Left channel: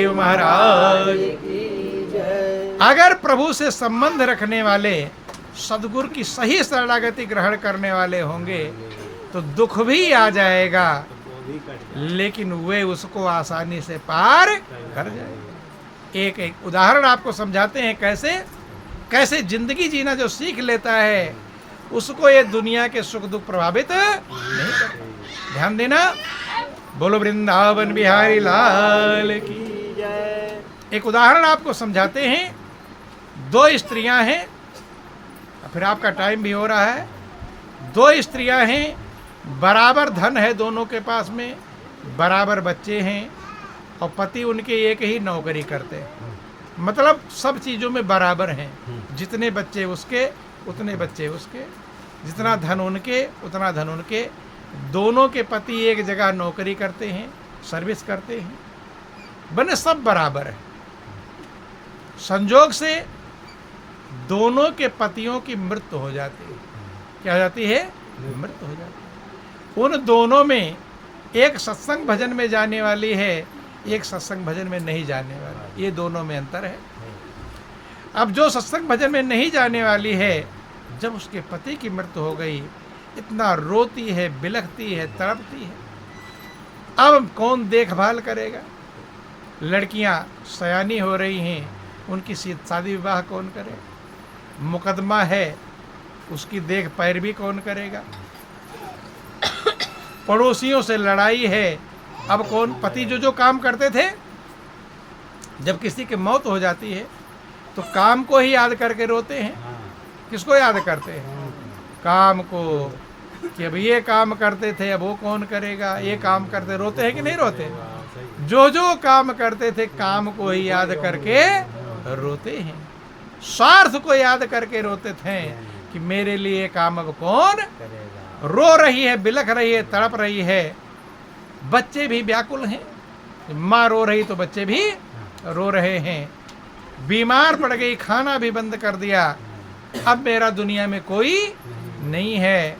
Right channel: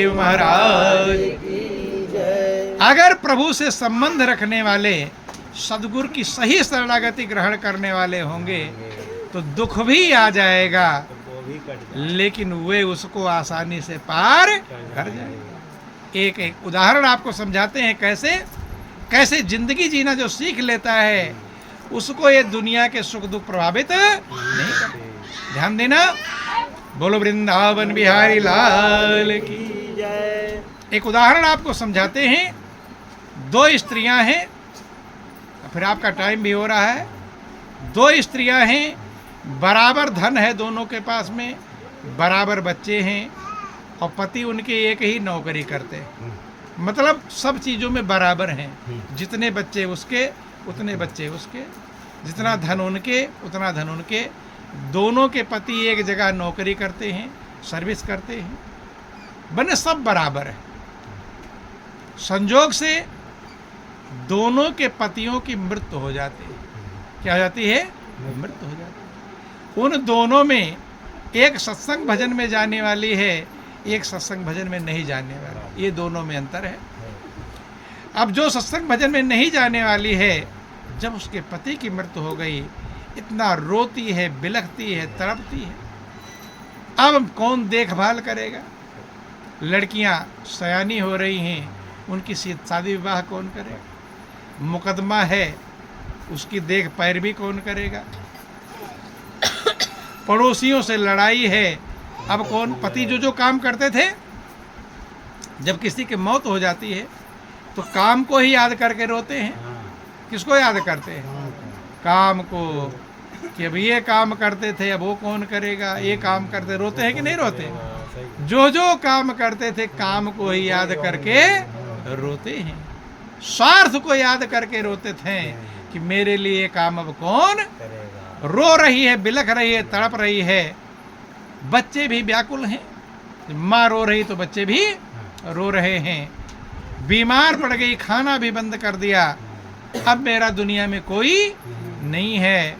महाराज की जय। अगर प्रभु से संबंध रखने वाले सदगुरु की सही शरणागति ग्रहण करने वाले होंगे तो दुख भी आ जाएगा लेकिन वे उसको आसानी से पार कर जाएंगे। एक उदाहरण आपको समझाते हैं कैसे जिंदगी जीना जो सीख लेता है उसको ये दुनिया के सुख दुख प्रभावित नहीं करते। ध्यान देना। बोलो वृंदावन बिहारी लाल की। एक उदाहरण आपको समझाते हैं। दो स्त्रियां हैं, फिर आपका टाइम भी हो रहा है। दो स्त्रियां हैं, बराबर धन है दोनों के पास में, बराबर बच्चे हैं और पति उनके एक ही नौकरी करते हैं। मतलब सब चीज़ों में बराबर हैं। जितने बच्चे उसके उतने बच्चे उसके, जितना धन उनके उतना धन उनके। दोनों के पति एक जगह नौकरी करते हैं, सर्विस करते हैं, बने सब बराबर है। संजोग से दोनों के पतियों की मृत्यु हो जाती है। क्या हो जाती है? मृत्यु हो जाती है। उन दोनों में एक सत्संग भजन में जाने वाली है, एक सत्संग भजन में नहीं जाने वाली। ये दोनों में अंतर है। अब जो सत्संग भजन में नहीं जाने वाली है, जब उसके पति की मृत्यु हो गई इतना रोती है, बिलखती है, तड़पती है। अब कौन देखभाल करेगा? लड़कियां सयानी हो रही हैं, उनकी शादी विवाह कौन करे? मुकदमा है, उसकी देख पैरवी कौन करेगा? पड़ोसियों से लड़ाई है, अब कौन? पति जो काम करते थे, जब किसी की मौत हो जाती है तो काम को ही याद करके रोते हैं। किसको याद करते हैं? काम को, कि अब ये काम करते थे अब वो कौन करेगा। ये काम करते, रोते हैं कि नहीं रोते? जो काम करते थे काम को ही याद करके रोते हैं। स्वार्थ को याद करके रोते थे कि मेरे लिए काम अब कौन रो रही है, बिलख रही है, तड़प रही है। बच्चे भी व्याकुल हैं, माँ रो रही तो बच्चे भी रो रहे हैं। बीमार पड़ गई, खाना भी बंद कर दिया। अब मेरा दुनिया में कोई नहीं है,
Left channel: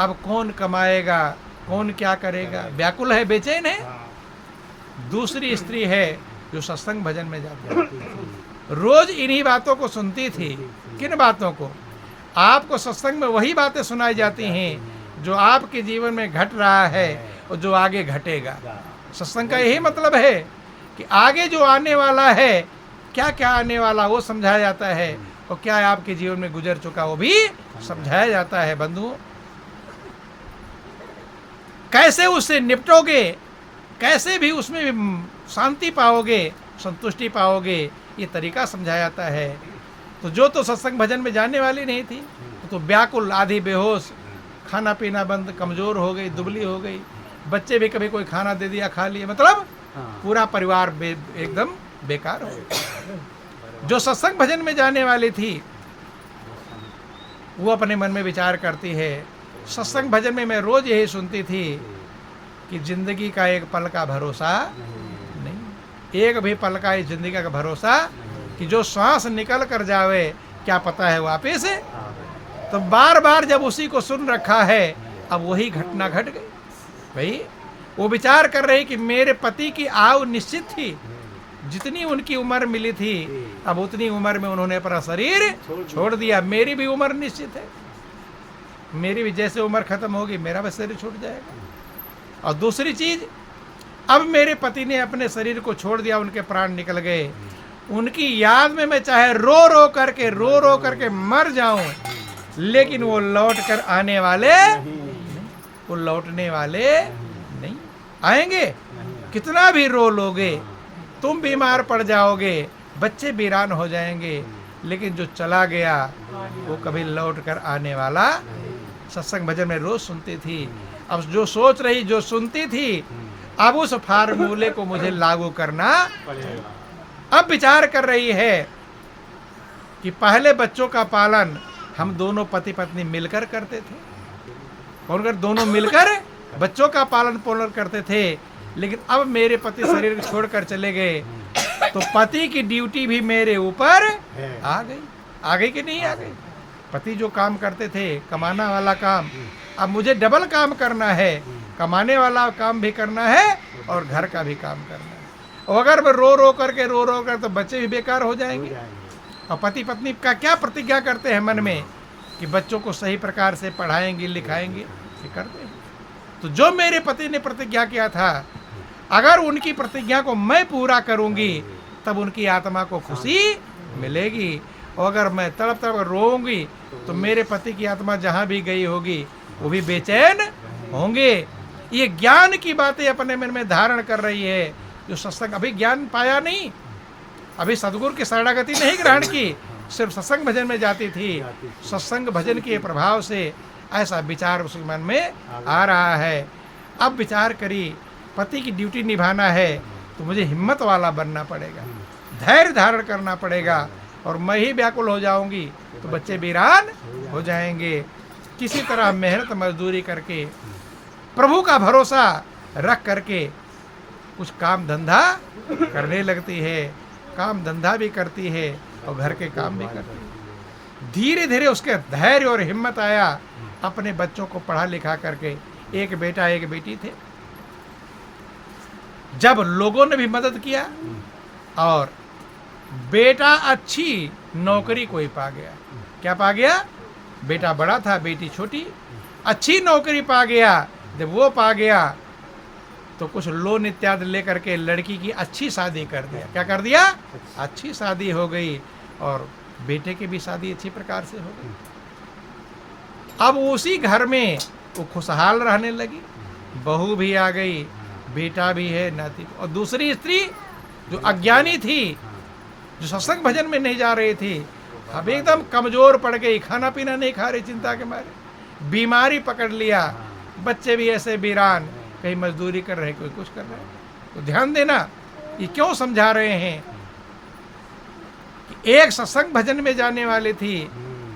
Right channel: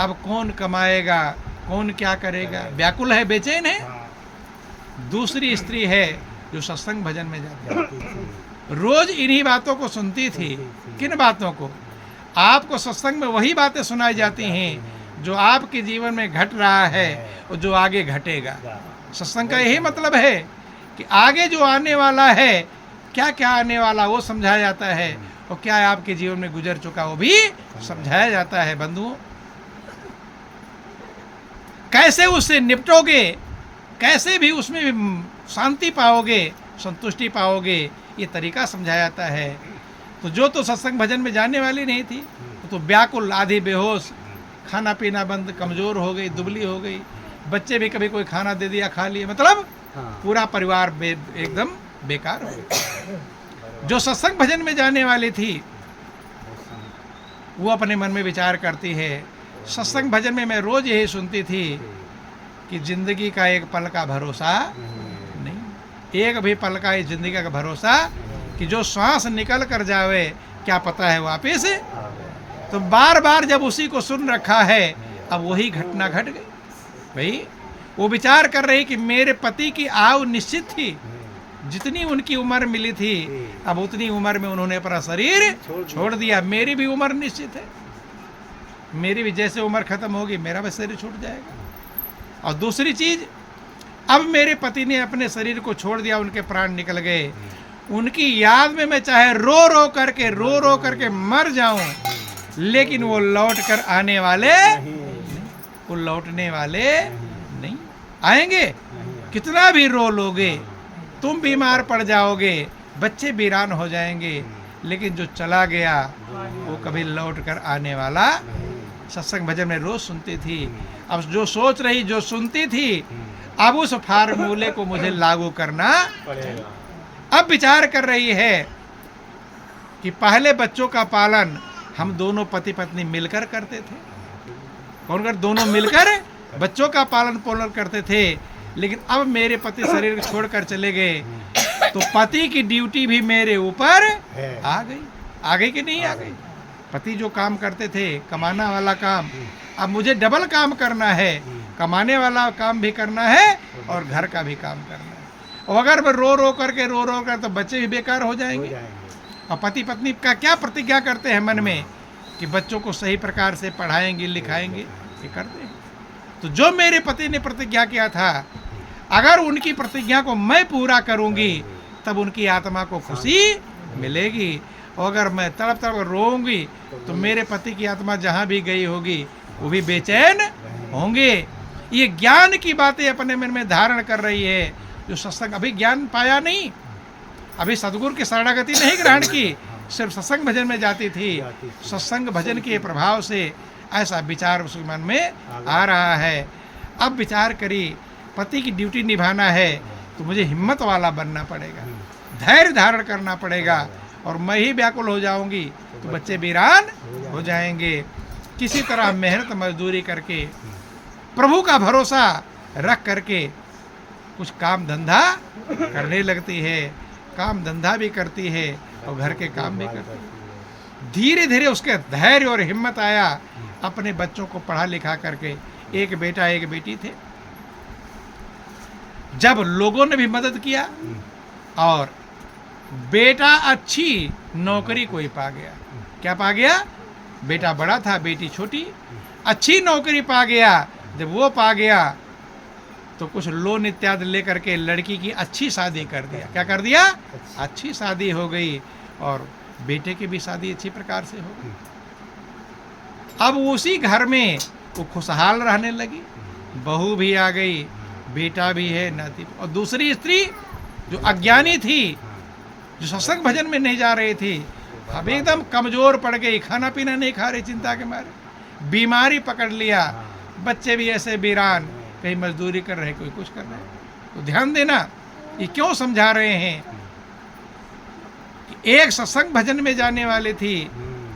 अब कौन कमाएगा, कौन क्या करेगा? व्याकुल है, बेचैन है। दूसरी स्त्री है जो सत्संग भजन में जाती है, रोज इन्हीं बातों को सुनती थी। किन बातों को? आपको सत्संग में वही बातें सुनाई जाती हैं जो आपके जीवन में घट रहा है और जो आगे घटेगा। सत्संग का यही मतलब है कि आगे जो आने वाला है, क्या क्या आने वाला वो समझाया जाता है और क्या आपके जीवन में गुजर चुका वो भी समझाया जाता है। बंधुओं, कैसे उससे निपटोगे, कैसे भी उसमें शांति पाओगे, संतुष्टि पाओगे, ये तरीका समझाया जाता है। तो जो तो सत्संग भजन में जाने वाली नहीं थी तो व्याकुल, आधी बेहोश, खाना पीना बंद, कमजोर हो गई, दुबली हो गई। बच्चे भी कभी कोई खाना दे दिया खा लिए, मतलब पूरा परिवार एकदम बेकार हो गया। जो सत्संग भजन में जाने वाली थी वो अपने मन में विचार करती है, सत्संग भजन में मैं रोज यही सुनती थी कि जिंदगी का एक पल का भरोसा नहीं, एक भी पल का इस जिंदगी का भरोसा कि जो सांस निकल कर जावे क्या पता है वापिस। तो बार बार जब उसी को सुन रखा है, अब वही घटना घट गई। भाई वो विचार कर रही कि मेरे पति की आयु निश्चित थी, जितनी उनकी उम्र मिली थी अब उतनी उम्र में उन्होंने अपना शरीर छोड़ दिया। मेरी भी उम्र निश्चित है, मेरी भी जैसे उम्र खत्म होगी मेरा भी शरीर छूट जाएगा। और दूसरी चीज, अब मेरे पति ने अपने शरीर को छोड़ दिया, उनके प्राण निकल गए। उनकी याद में मैं चाहे रो रो करके मर जाऊं, लेकिन वो लौट कर आने वाले, वो लौटने वाले नहीं आएंगे। कितना भी रो लोगे, तुम बीमार पड़ जाओगे, बच्चे वीरान हो जाएंगे, लेकिन जो चला गया वो कभी लौट कर आने वाला। सत्संग भजन में रोज सुनती थी, अब जो सोच रही, जो सुनती थी, अब उस फार्मूले को मुझे लागू करना पड़ेगा। अब विचार कर रही है कि पहले बच्चों का पालन हम दोनों पति पत्नी मिलकर करते थे। कौन कर? दोनों मिलकर बच्चों का पालन पोषण करते थे। लेकिन अब मेरे पति शरीर छोड़कर चले गए तो पति की ड्यूटी भी मेरे ऊपर आ गई कि नहीं आ गई? पति जो काम करते थे, कमाना वाला काम, अब मुझे डबल काम करना है। कमाने वाला काम भी करना है और घर का भी काम करना है। और अगर मैं रो रो कर तो बच्चे भी बेकार हो जाएंगे। और पति पत्नी का क्या प्रतिज्ञा करते हैं मन में कि बच्चों को सही प्रकार से पढ़ाएंगे लिखाएंगे, ये करते हैं। तो जो मेरे पति ने प्रतिज्ञा किया था, अगर उनकी प्रतिज्ञा को मैं पूरा करूंगी तब उनकी आत्मा को खुशी मिलेगी। और अगर मैं तड़प तड़प रोऊंगी तो मेरे पति की आत्मा जहाँ भी गई होगी वो भी बेचैन होंगे। ये ज्ञान की बातें अपने मन में धारण कर रही है। जो सत्संग, अभी ज्ञान पाया नहीं, अभी सदगुरु की शरणागति नहीं ग्रहण की, सिर्फ सत्संग भजन में जाती थी। सत्संग भजन के प्रभाव से ऐसा विचार उस मन में आ रहा है। अब विचार करी, पति की ड्यूटी निभाना है तो मुझे हिम्मत वाला बनना पड़ेगा, धैर्य धारण करना पड़ेगा। और मैं ही व्याकुल हो जाऊंगी तो बच्चे वीरान हो जाएंगे। किसी तरह मेहनत मजदूरी करके, प्रभु का भरोसा रख करके कुछ काम धंधा करने लगती है। काम धंधा भी करती है और घर के काम भी करती है। धीरे धीरे उसके धैर्य और हिम्मत आया। अपने बच्चों को पढ़ा लिखा करके, एक बेटा एक बेटी थे। जब लोगों ने भी मदद किया और बेटा अच्छी नौकरी कोई पा गया। क्या पा गया? बेटा बड़ा था, बेटी छोटी। अच्छी नौकरी पा गया। जब वो पा गया तो कुछ लोन इत्यादि लेकर के लड़की की अच्छी शादी कर दिया। क्या कर दिया? अच्छी शादी हो गई और बेटे की भी शादी अच्छी प्रकार से हो गई। अब उसी घर में वो खुशहाल रहने लगी। बहू भी आ गई, बेटा भी है, नाती। और दूसरी स्त्री जो अज्ञानी थी, जो सत्संग भजन में नहीं जा रही थी, अब एकदम कमजोर पड़ गई, खाना पीना नहीं खा रही चिंता के मारे, बीमारी पकड़ लिया। बच्चे भी ऐसे वीरान, कहीं मजदूरी कर रहे, कोई कुछ कर रहे। तो ध्यान देना, ये क्यों समझा रहे हैं कि एक सत्संग भजन में जाने वाली थी,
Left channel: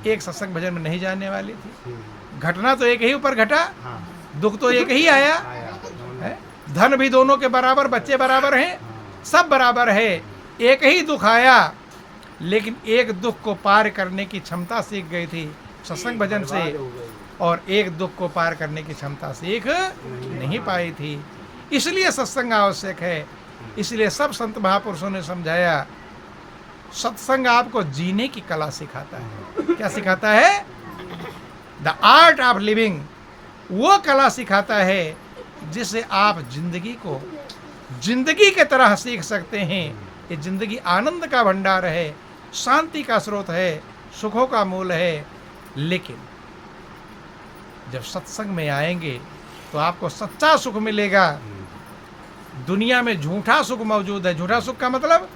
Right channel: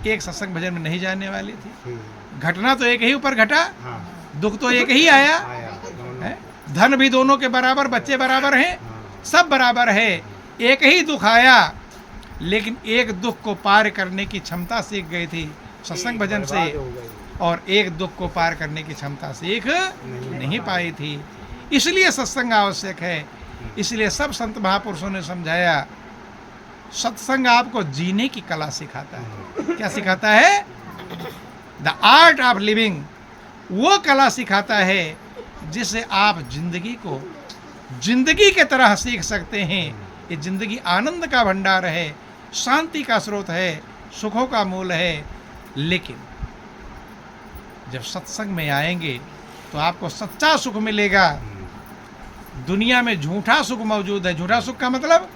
एक सत्संग भजन में नहीं जाने वाली थी। घटना तो एक ही ऊपर घटा, दुख तो एक ही आया है। धन भी दोनों के बराबर, बच्चे बराबर हैं, सब बराबर है। एक ही दुख आया, लेकिन एक दुख को पार करने की क्षमता सीख गई थी सत्संग भजन से, और एक दुख को पार करने की क्षमता सीख नहीं पाई थी। इसलिए सत्संग आवश्यक है। इसलिए सब संत महापुरुषों ने समझाया, सत्संग आपको जीने की कला सिखाता है। क्या सिखाता है? The art of living. वो कला सिखाता है जिससे आप जिंदगी को जिंदगी के तरह सीख सकते हैं। ये जिंदगी आनंद का भंडार है, शांति का स्रोत है, सुखों का मूल है। लेकिन जब सत्संग में आएंगे तो आपको सच्चा सुख मिलेगा। दुनिया में झूठा सुख मौजूद है। झूठा सुख का मतलब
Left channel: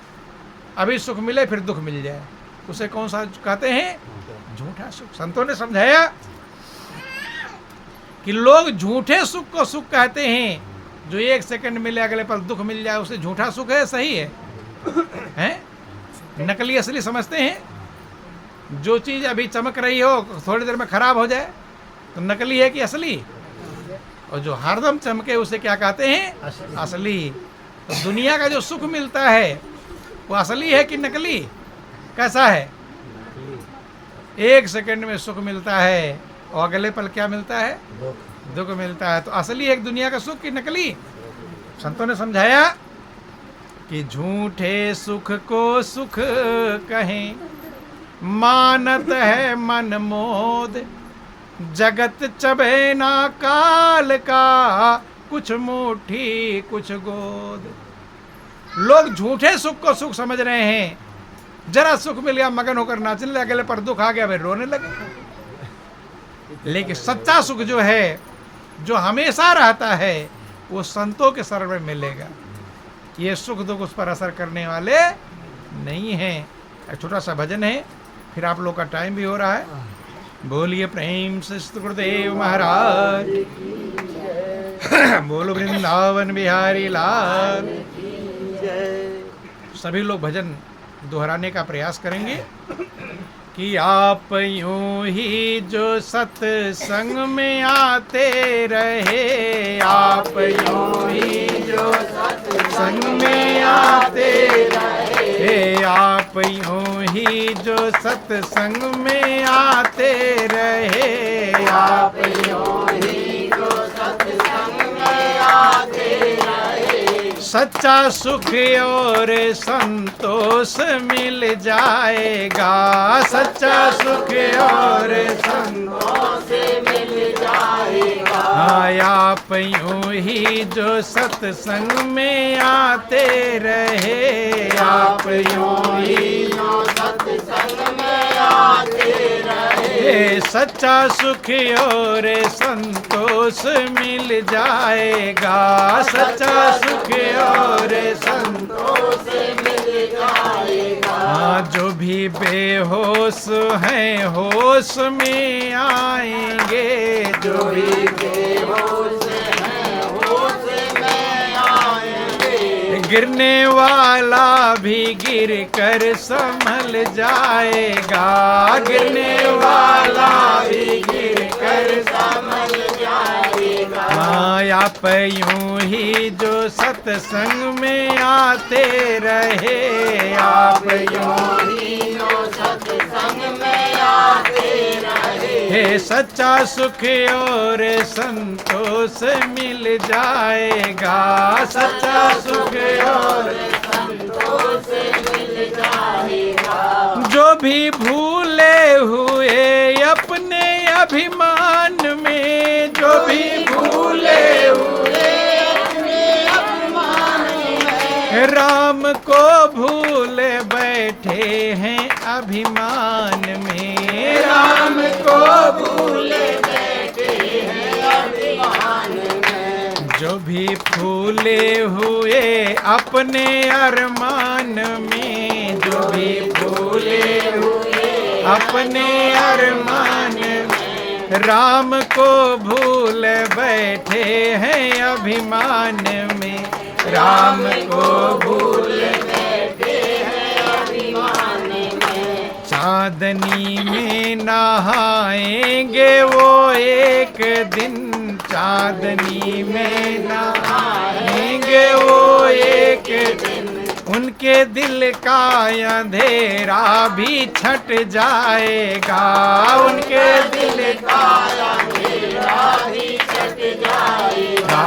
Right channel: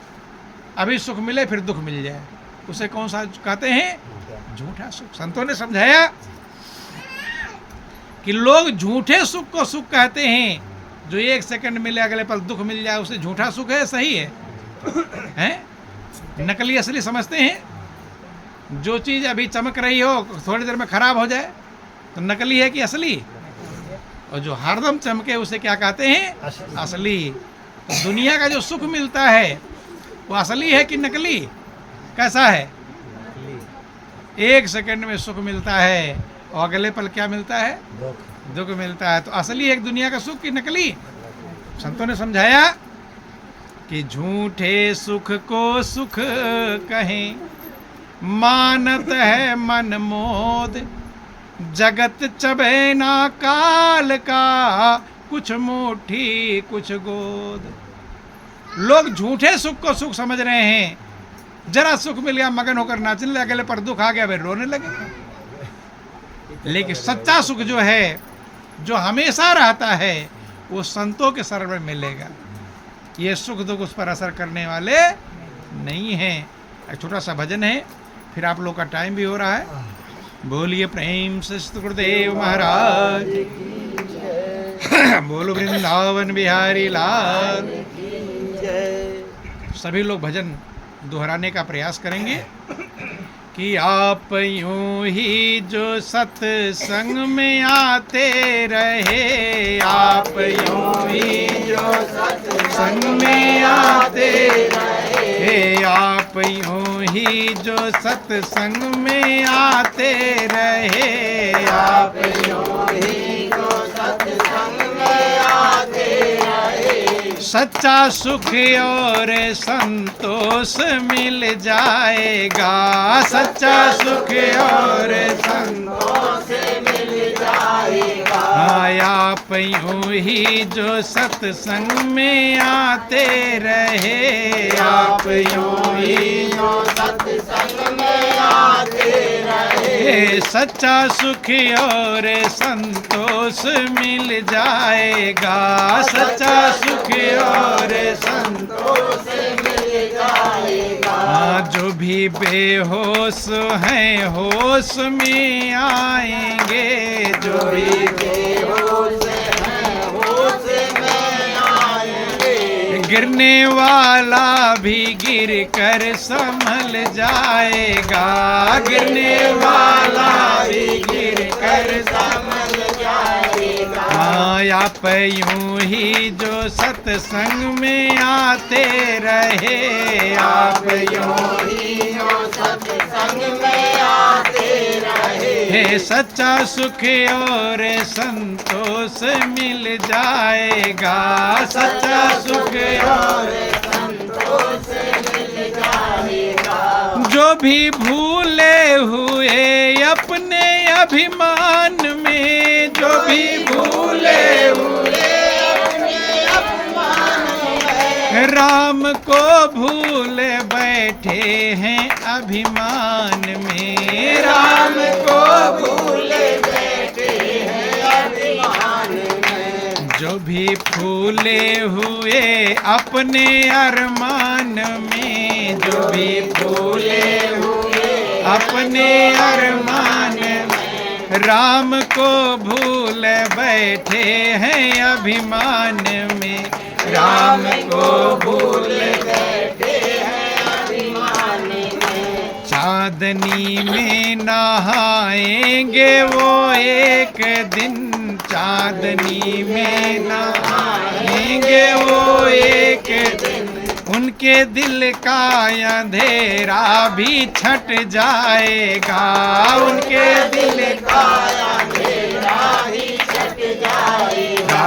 अभी सुख मिले फिर दुख मिल जाए, उसे कौन सा कहते हैं? झूठा सुख। संतों ने समझाया कि लोग झूठे सुख को सुख कहते हैं। जो एक सेकंड मिले अगले पल दुख मिल जाए, उसे झूठा सुख है, सही है? हैं? नकली असली समझते हैं। जो चीज अभी चमक रही हो थोड़ी देर में खराब हो जाए तो नकली है कि असली? और जो हरदम चमके उसे क्या कहते हैं? असली। तो दुनिया का जो सुख मिलता है वो असली है कि नकली? कैसा है? एक सेकंड में सुख मिलता है और अगले पल क्या मिलता है? दुख मिलता है। तो असली है दुनिया का सुख कि नकली? संतों ने समझाया कि झूठे सुख को सुख कहें, मानत है मन मोद। जगत चबे ना काल का, कुछ मुट्ठी कुछ गोद। लोग झूठे सुख को सुख समझ रहे हैं। जरा सुख मिल गया मगन होकर नाचने लगे, अगले पर दुख आ गया फिर रोने लगे। लेकिन सच्चा सुख जो है, जो हमेशा रहता है, वो संतों के शरण में मिलेगा। ये सुख दुख उस पर असर करने वाले नहीं हैं। एक छोटा सा भजन है, फिर आप लोग का टाइम भी हो रहा है। बोलिए प्रेम से गुरुदेव महाराज, बोलो वृंदावन बिहारी लाल। सभी लोग भजन दोहराने का प्रयास करेंगे कि आप यूं ही जो सत्संग में आते रहे, आप यूं ही जो सत्संग में आते रहे, आप यूं ही जो सत्संग में आते रहे, आप यूं ही जो सत्संग में आते रहे। सच्चा सुख और संतोष मिल जाएगा। सच्चा सुख और संतोष मिल जाएगा। आप यूं ही जो सत्संग में आते रहे, आप यूं ही जो सत्संग में आते रहे, सच्चा सुख और संतोष मिल जाएगा। सच्चा सुख और संतोष मिल जाएगा। जो भी बेहोश हैं होश में आएंगे, जो भी बेहोश हैं होश में आएंगे। गिरने वाला भी गिर कर संभल जाएगा, गिरने वाला भी गिर कर संभल जाएगा। आप यूं ही जो सत्संग में आते रहे, आप यूं ही जो सत्संग में आते रहे, सच्चा सुख और संतोष मिल जाएगा। सच्चा सुख और संतोष मिल जाएगा। जो भी भूले हुए अपने अभिमान में, जो भी भूले हुए अपने अभिमान में, राम को भूल बैठे हैं अभिमान में, राम को भूल बैठे हैं अभिमान में। जो भी फूले हुए अपने अरमान में, जो भी फूले हुए अपने अरमान में, राम को भूल बैठे हैं अभिमान में, राम को भूल बैठे हैं अभिमान में। चांदनी में नहाएंगे वो एक दिन, चांदनी में नहाएंगे वो एक दिन, उनके दिल का अंधेरा भी छट जाएगा, उनके दिल का अंधेरा भी छट जाएगा।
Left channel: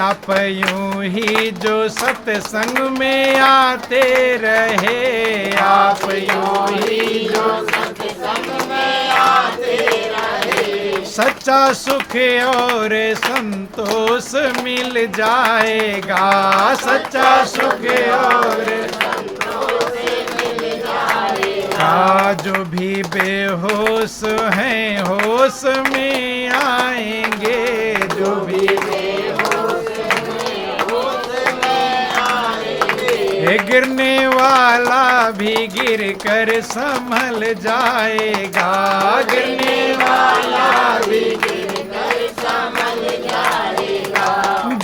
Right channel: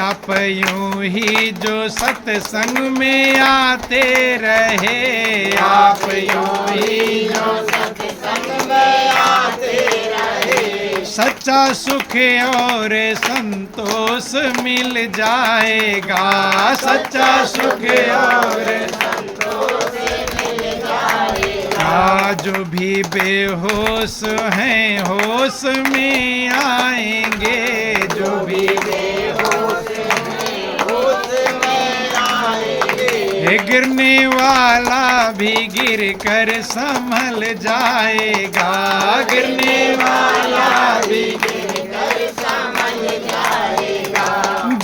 आप यूं ही जो सत्संग में आते रहे, आप यूं ही जो सत्संग में आते रहे, सच्चा सुख और संतोष मिल जाएगा। सच्चा सुख और संतोष मिल जाएगा। जो भी बेहोश हैं होश में आएंगे, जो भी बेहोश हैं होश में आएंगे। गिरने वाला भी गिर कर संभल जाएगा, गिरने वाला भी गिर कर संभल जाएगा।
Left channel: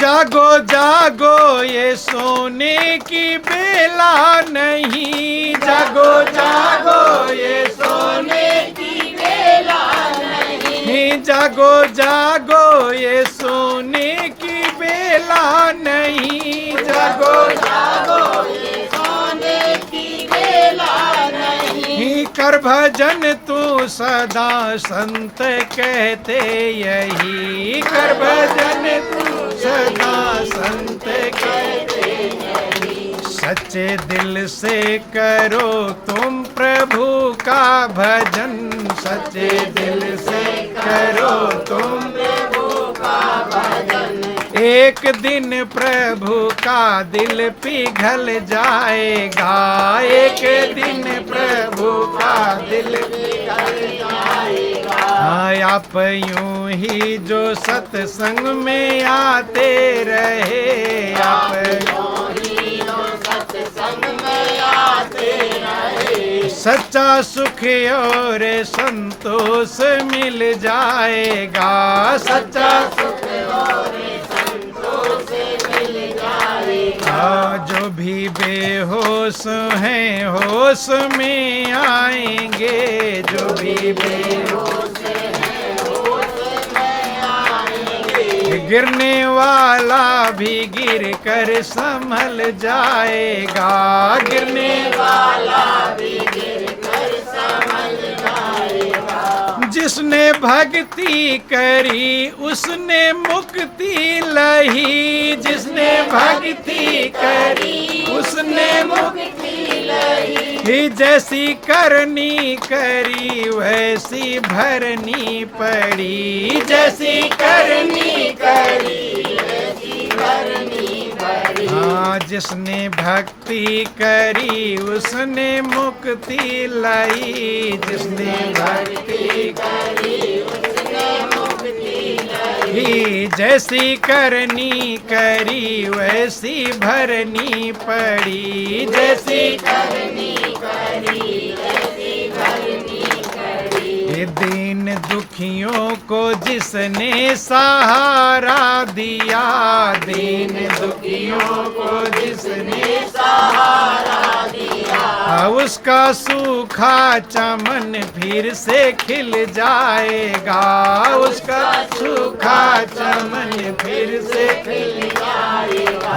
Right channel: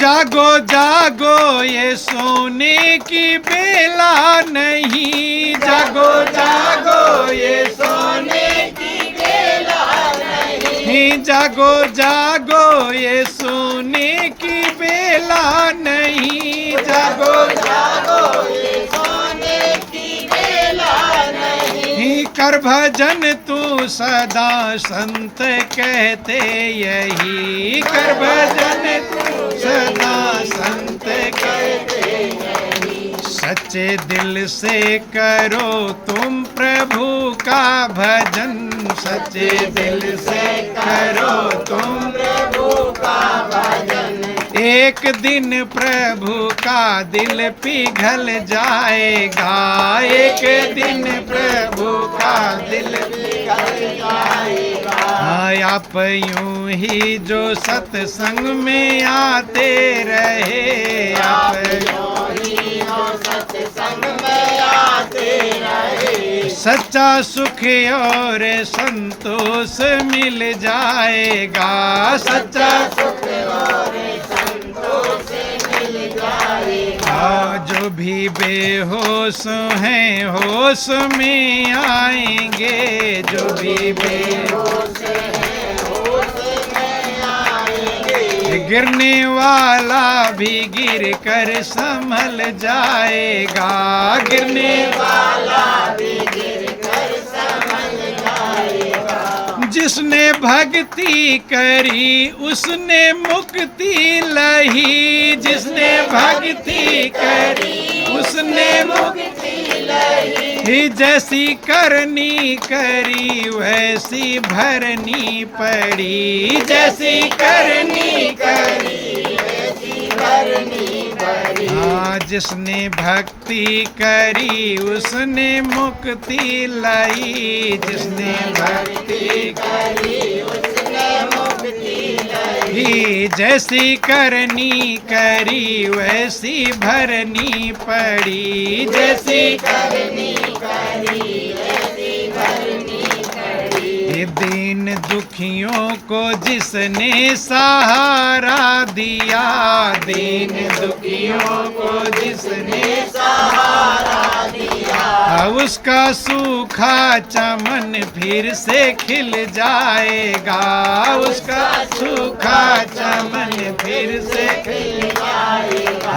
जागो जागो ये सोने की बेला नहीं, जागो जागो ये सोने की बेला नहीं, जागो जागो ये सोने की बेला नहीं, जागो जागो ये सोने की बेला नहीं। कर भजन तू सदा संत कहते यही, कर भजन तू सदा संत कहते यही। सच्चे दिल से करो तुम प्रभु का भजन, सच्चे दिल से करो तुम प्रभु का भजन। एक दिन प्रभु का दिल पिघल जाएगा, एक दिन प्रभु का दिल पिघल जाएगा। आप यूं ही जो सत्संग में आते रहे, आप यूं ही जो सत्संग में आते रहे, सच्चा सुख और संतोष मिल जाएगा। सच्चा सुख और संतोष मिल जाएगा। जो भी बेहोश हैं होश में आएंगे, जो भी बेहोश हैं होश में आएंगे। गिरने वाला भी गिर कर संभल जाएगा, गिरने वाला भी गिर कर संभल जाएगा। जिस जिसने भक्ति करी उसने मुक्ति लही, जिसने भक्ति करी उसने मुक्ति लही, जैसी करनी करी वैसी भरनी पड़ी, जैसी करनी करी वैसी भरनी पड़ी। हाँ, जिसने भक्ति करी उसने मुक्ति लाई, जिसने भक्ति करी उसने मुक्ति लाई, जैसी करनी करी वैसी भरनी पड़ी, जैसी करनी करी वैसी भरनी पड़ी। दीन दुखियों को जिसने सहारा दिया, दीन दुखियों को जिसने सहारा दिया, उसका सूखा चमन फिर से खिल जाएगा, उसका सूखा चमन फिर से खिल जाएगा।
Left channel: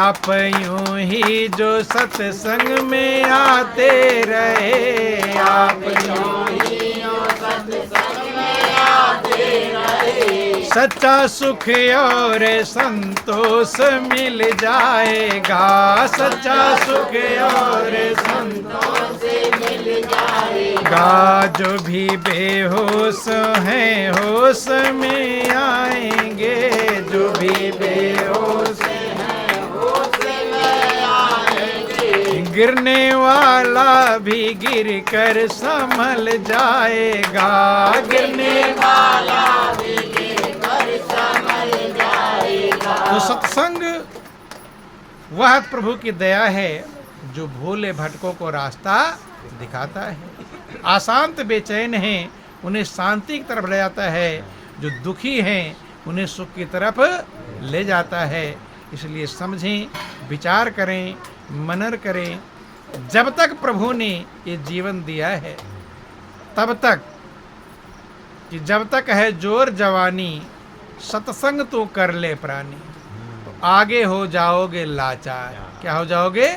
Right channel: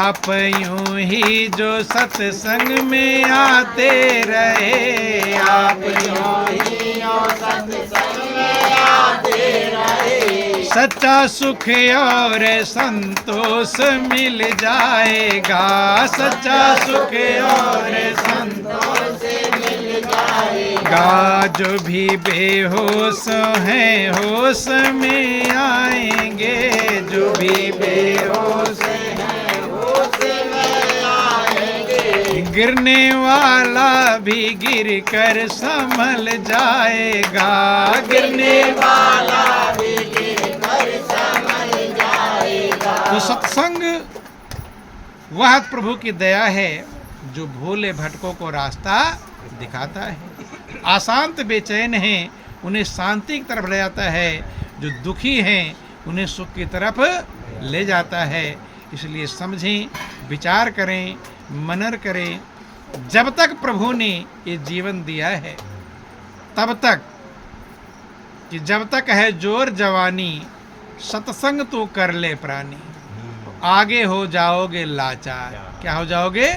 आप यूं ही जो सत्संग में आते रहे, आप यूं ही जो सत्संग में आते रहे, सच्चा सुख और संतोष मिल जाएगा, सच्चा सुख और संतोष मिल जाएगा। जो भी बेहोश हैं होश में आएंगे, जो भी बेहोश हैं होश में आएंगे, गिरने वाला भी गिर कर संभल जाएगा, गिरने वाला भी गिर कर संभल जाएगा। तो सत्संग वह प्रभु की दया है जो भोले भटकों को रास्ता दिखाता है, अशांत बेचैन हैं उन्हें शांति की तरफ ले जाता है, जो दुखी हैं उन्हें सुख की तरफ ले जाता है। इसलिए समझें, विचार करें, मनन करें। जब तक प्रभु ने ये जीवन दिया है तब तक, कि जब तक है जोर जवानी सत्संग तो कर ले प्राणी, तो आगे हो जाओगे लाचार। क्या हो जाओगे?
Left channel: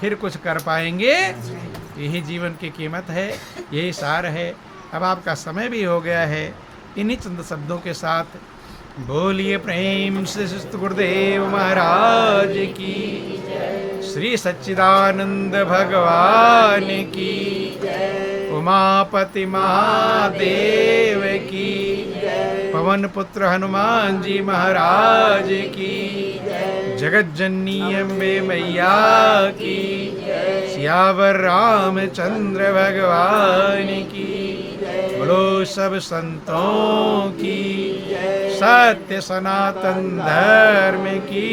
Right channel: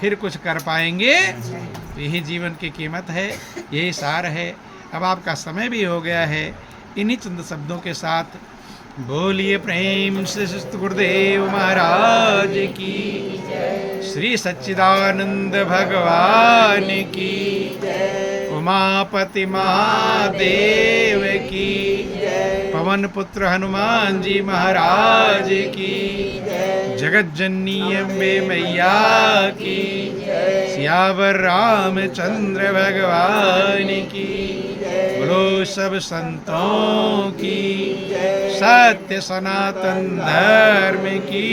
फिर कुछ कर पाएंगे? यही जीवन की कीमत है, यही सार है। अब आपका समय भी हो गया है। इन्हीं चंद शब्दों के साथ बोलिए प्रेम से सत गुरुदेव महाराज की, श्री सच्चिदानंद भगवान की, उमापति महादेव की, पवन पुत्र हनुमान जी महाराज की, जगत जननी अम्बे मैया की, सियावर रामचंद्र भगवान की, बोलो सब संतों की, सत्य सनातन धर्म की।